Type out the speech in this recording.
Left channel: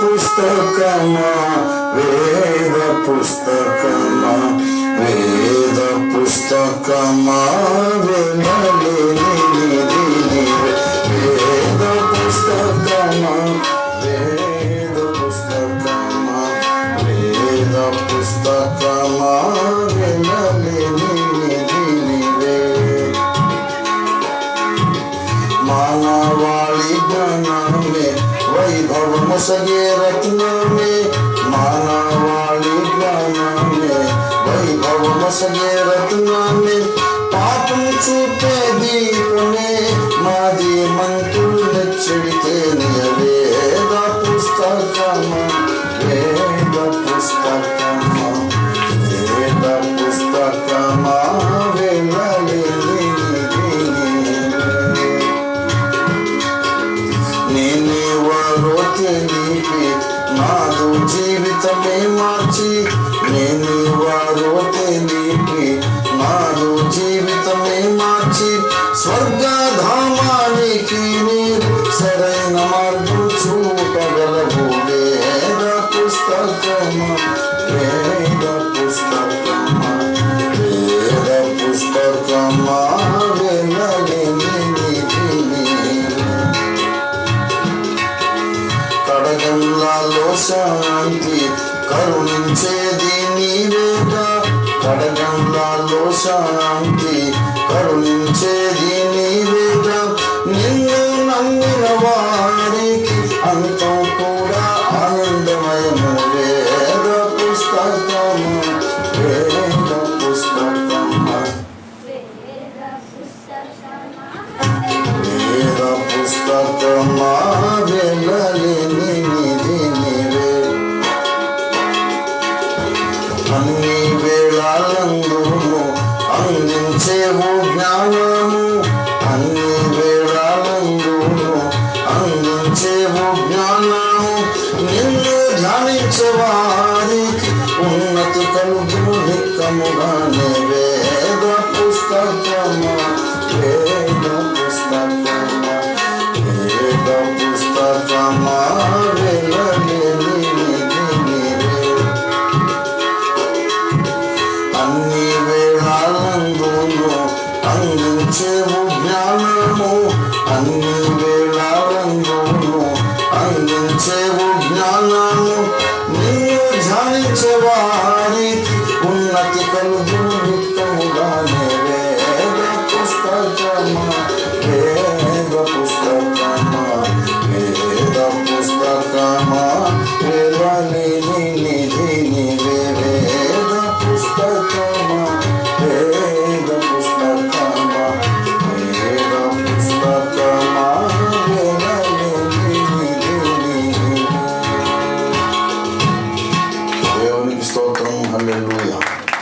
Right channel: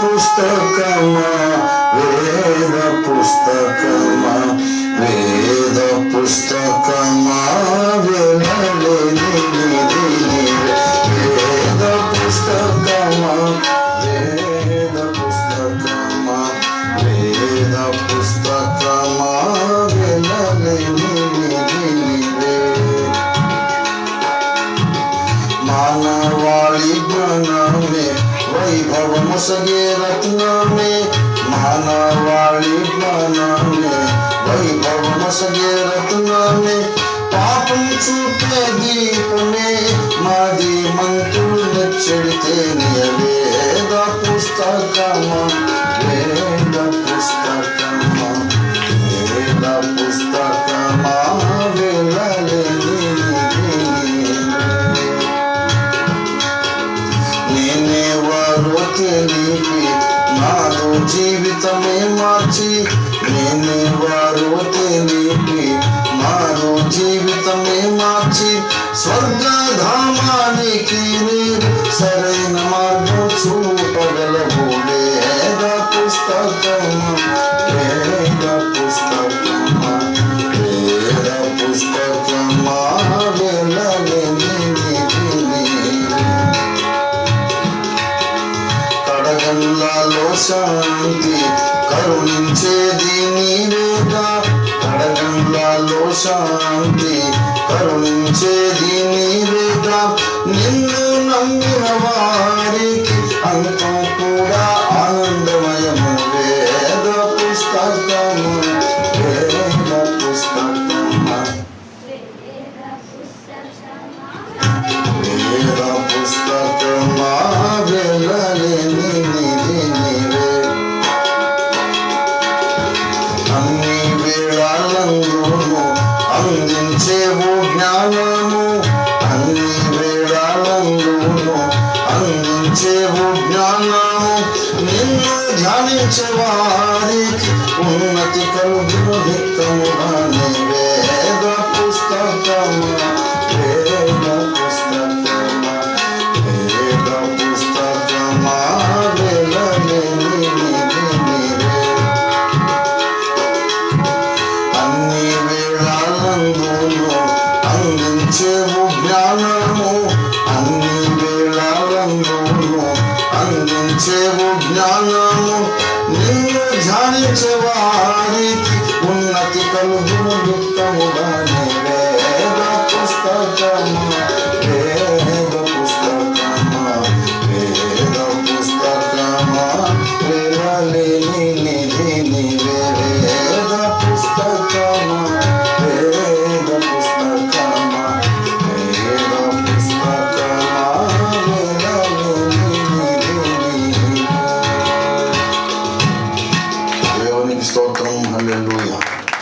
పుస్తకమా? వేద పుస్తకమా? వేద పుస్తకమా? వినలేనిది మొసగే రత్నమే మానవాళి జ్ఞానమే వైభవ మొసగే రత్నమే పాపం చూపే దీపమే. మాది మంతులు చెడితే వేద పుస్తకమా నేనేవారో తెలిపి నాదు జీవితమే మార్చి నేనేవారో తెలిపి నాదు జీవితమే మార్చి స్వర్గధామానికి నీరు సరైన మార్గం చూపగలవు వేద పుస్తకమా వేద పుస్తకమా కడగంగాలో శాంతి కరుణించేది నీవేగా కడగంలో శాంతి కరుణించేది నీవే అందించేవు జ్ఞానము నిన్ను ధ్యానించే వారికి ఉన్నతి కలుగును నిక్కముగానే వేద ঝাড়ছে বাড়ি উন্নতি কম ভূমিকা মুদানে রে পুস্তক